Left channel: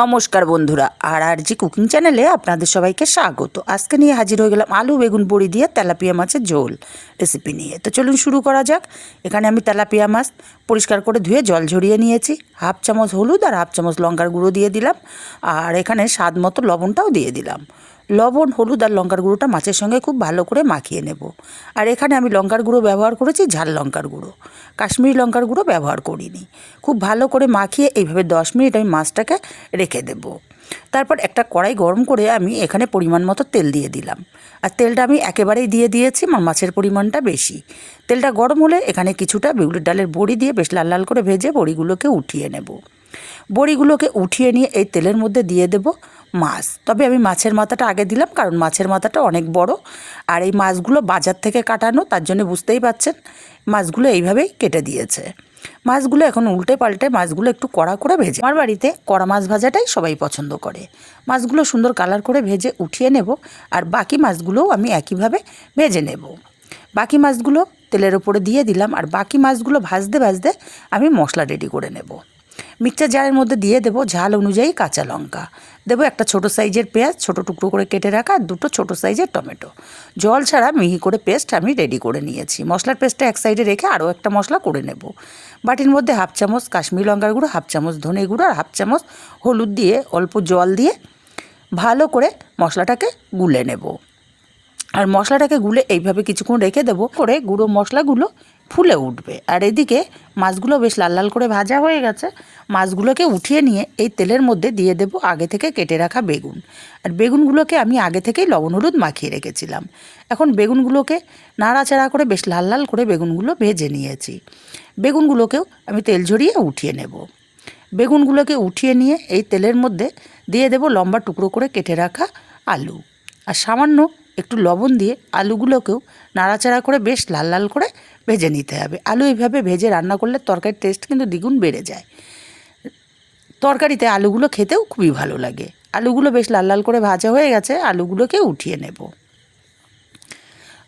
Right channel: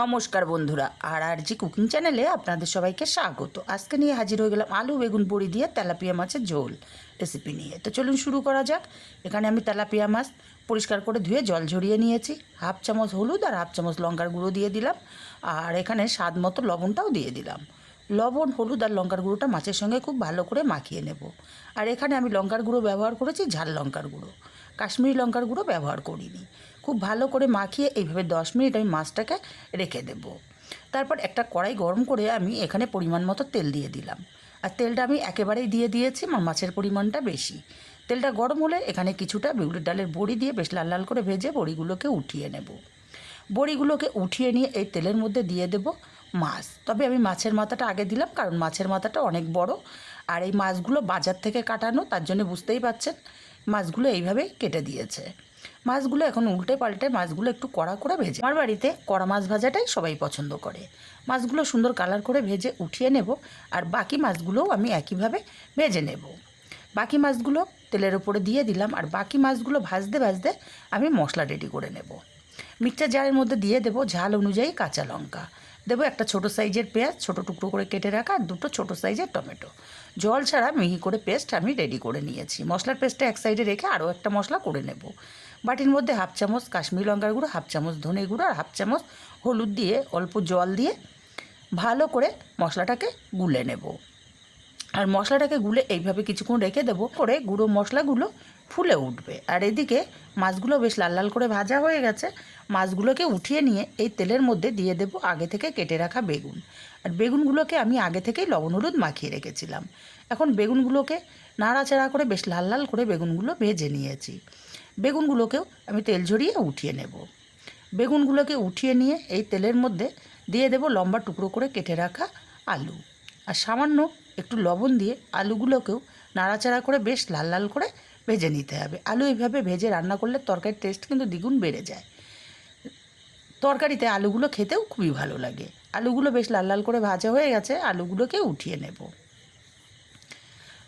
নমস্কার বন্ধুরা, আর জি কুকিং চ্যানেলে আপনাদের সবাইকে স্বাগত। আজকে নিয়ে হাজির হয়ে গেলাম আলু বেগুন বড়ি দিয়ে তেলাপিয়া মাছের ঝোল রেসিপি নিয়ে। তো চলুন শুরু করা যাক। এখানে আমি তেলাপিয়া মাছ পরিষ্কার করে ধুয়ে জল ঝরিয়ে নিয়েছি। হাফ চামচ হলুদ আর হাফ চামচ লঙ্কার গুঁড়ো দিয়ে দিলাম, আর এখানে স্বাদ মতো লবণটাও দিয়ে দিলাম। লবণ, হলুদ আর লঙ্কার গুঁড়োটা মাছের সঙ্গে খুব ভালো করে মাখিয়ে নেব। আর এখানে আমি লঙ্কার গুঁড়ো ব্যবহার করেছি, ঝাল লঙ্কার গুঁড়ো, কাশ্মীরি লঙ্কার গুঁড়ো ব্যবহার করিনি। খুব ভালো করে মাখিয়ে এইভাবে 10 মিনিট আমি মাছটাকে রেখে দেব। তারপর একটা কড়াই গরম করে আমি এখানে পরিমাণ মতো তেল দিয়ে দিলাম। আর তেলটা আমি একেবারেই দিয়ে দিয়েছি, মাছের পরিমাণটা বেশি। তেলটা গরম হলে এখানে কিছুটা বিউলির ডালের বড়ি দিয়ে বেশ লাল লাল করে ভেজে বড়িগুলোকে উঠিয়ে নেব। বড়িগুলোকে উঠিয়ে নিয়ে এই তেলের মধ্যে দিয়ে দেব মাছ। তবে আমি মাছের মাথাটা আগে দিলাম, কারণ মাছের মাথাটা অনেক বড়, আর এই মাছগুলো বাজার থেকে কাটানো, তার জন্য বুঝতেই পাচ্ছেন মাছগুলো এইভাবেই কেটে দিয়েছে। মাছগুলো এখন উল্টে পাল্টে মাছগুলো একটু কড়া করে ভেজে, আমার বাড়িতে কড়া মাছ ভাজাটাই সবাই পছন্দ করে। মাছগুলো সুন্দর কালার করে ভেজে উঠিয়ে নেব। আর বাকি মাছগুলোও আমি একইভাবে ভেজে নেব। বাকি মাছগুলো তেলের ওপরে দিয়ে দিলাম, আর বাকি মাছগুলো ভাজতে ভাজতে আমি মশলা রেডি করে নেব। মিক্সচার জারের মধ্যে দিয়ে দেবো ঝাল অনুযায়ী কাঁচা লঙ্কা, দেবো একটা ছোটো সাইজের পেঁয়াজ ছোটো টুকরো করে কেটে রাখা, আর দুটো ছোটো সাইজের টমেটো। জল ছাড়া মিহি করে পেস্ট আমি রেডি করে নিয়েছি। মশলার পেস্টটা এক সাইডে রেখে আরও একটা মশলা করে নেব। বাটির মধ্যে হাফ চামচ কাশ্মীরি লঙ্কার গুঁড়ো, হাফ চামচ ধনে গুঁড়ো আর হাফ চামচ হলুদ দিয়ে অল্প জল দিয়ে ভালো করে মশলাটাকে গুলে নেব। আর মশলাটাকে গুলে এইভাবে কিছুক্ষণ রেখে দেবো, করে গুঁড়ো মশলাগুলো ফুলে উঠবে। আর এদিকে মাছগুলো বেশ লাল লাল করে ভাজা হয়ে গেছে। মাছগুলোকে উঠিয়ে নিয়ে এই তেলের মধ্যে দিয়ে দেবো আগে থেকে কেটে রাখা বেগুন। আর বেগুনগুলোকে আমি আগে থেকেই লবণ হলুদ মাখিয়ে রেখেছিলাম। এখন বেগুনগুলোকে নাড়াচাড়া করে বেশ লাল লাল করে বেগুনগুলো ভেজে নিয়েছি। বেগুনগুলোকেও আমি তেল ঝরিয়ে উঠিয়ে নেব। বেগুনগুলোকে উঠিয়ে নিয়ে এই তেলের মধ্যে দিয়ে দেবো লম্বা টুকরো করে কেটে রাখা আলু, আর সামান্য একটু লবণ দিয়ে আলুগুলোকেও নাড়াচাড়া করে বেশ লাল লাল করে ভেজে নিতে হবে। আলু এইভাবে ভেজে রান্না করলে তরকারির টেস্ট কিন্তু দ্বিগুণ বেড়ে যায়। তরকারিতে আলুগুলো খেতেও খুবই ভালো লাগে। আলুগুলো বেশ লাল লাল করে ভাজা হয়ে গেছে, আলুগুলোকে উঠিয়ে নেব।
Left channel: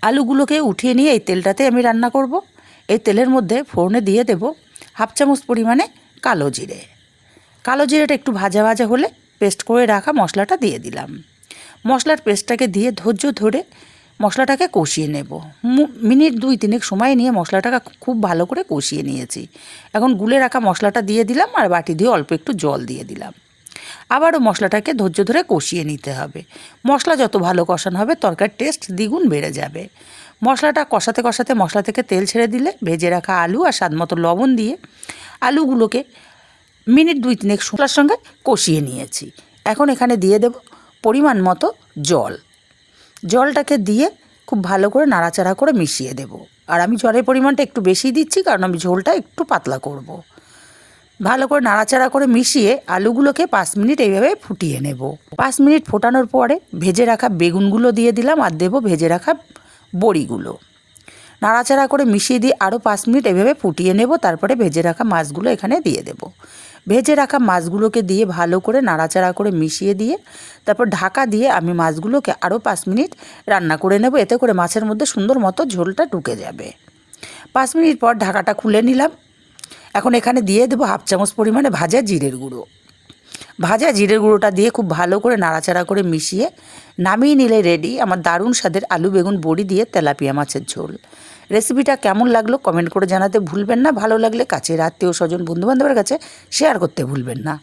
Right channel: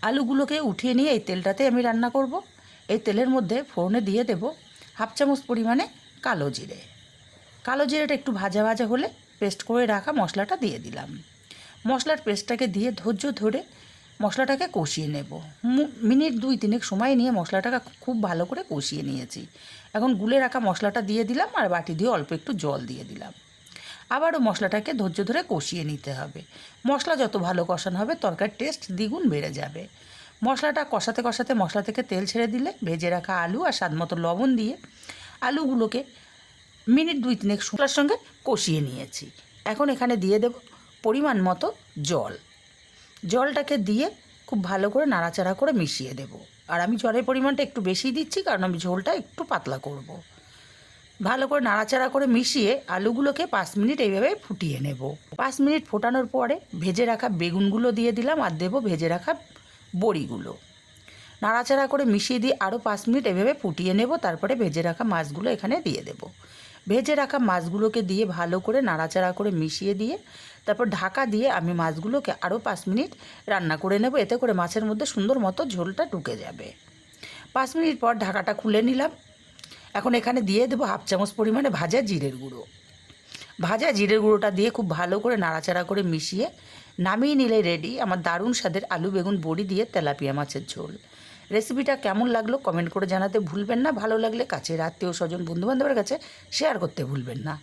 আলুগুলোকে উঠিয়ে নিয়ে এই তেলটাতে আমি রান্না করব। এই তেলের মধ্যে ফোড়নে দিয়ে দেব হাফ চামচ পরিমাণে কালো জিরে। কালো জিরেটা একটু ভাজা ভাজা হলে পেস্ট করে রাখা মশলাটা দিয়ে দিলাম। মশলার পেস্টটাকে দিয়ে ধৈর্য ধরে মশলাটাকে কষিয়ে নেব। মিনিট 2-3 সময় নিয়ে মশলাটাকে খুব ভালো করে কষিয়ে নিয়েছি। এখন গুলে রাখা মশলাটা দিয়ে দিলাম, আর বাটি দিয়ে অল্প একটু জল দিয়ে দিলাম। আবারও মশলাটাকে ধৈর্য ধরে কষিয়ে নিতে হবে। মশলা যত ভালো কষানো হবে তরকারির টেস্ট দ্বিগুণ বেড়ে যাবে। মশলাটা কষাতে কষাতে মশলা থেকে তেল ছেড়ে দিলে ভেজে রাখা আলু আর স্বাদ মতো লবণ দিয়ে আলুগুলোকে মিনিট 2-3 মশলার সঙ্গে কষিয়ে নিয়েছি। এখন এখানে দিয়ে দেব পরিমাণ মতো জল। জলটাকে দিয়ে খুব ভালো করে নাড়াচাড়া করে মিশিয়ে দেব। আর আমি জলের পরিমাণটা একটু বেশি দিচ্ছি, কারণ আমি ঝোলটা একটু পাতলা করব। ভালো করে নাড়াচাড়া করে মিশিয়ে আলুগুলোকে 5 মিনিট এইভাবে ফুটিয়ে নেব। 5 মিনিট ফোটানোর পরে ভেজে রাখা বেগুনগুলো দিয়ে দিলাম, আর দেবো ভেজে রাখা বড়িগুলো। নাড়াচাড়া করে মিশিয়ে দিয়ে আরও 5 মিনিট এভাবে ফুটিয়ে নেব। তারপরে ভেজে রাখা মাছগুলো এখানে দিয়ে দেব। ভেজে রাখা মাছগুলোকে দিয়ে ভালো করে নাড়াচাড়া করে মিশিয়ে দিয়ে তারপর ঢাকা দিয়ে আমি মাছগুলোকে আরও 5 মিনিট রান্না করে নেব। এতে করে মাছের মধ্যে সুন্দর মতো ঝোলটা ঢুকে যাবে। 5 মিনিট পর ঢাকাটা খুলে নিলাম। এখন এখানে দিয়ে দেবো হাফ চামচ পরিমাণে ভাজা জিরের গুঁড়ো। ভাজা জিরের গুঁড়োটা দিয়ে খুব ভালো করে নাড়াচাড়া করে মিশিয়ে নামিয়ে নিলে রেডি আমার দারুণ স্বাদের আলু বেগুন বড়ি দিয়ে তেলাপিয়া মাছের ঝোল। রেসিপিটা কেমন লাগলো কমেন্ট করে জানাতে ভুলবেন না। ভালো লাগলে কাছের আত্মীয় স্বজন বন্ধুবান্ধবের কাছে শেয়ার করতে ভুলবেন না।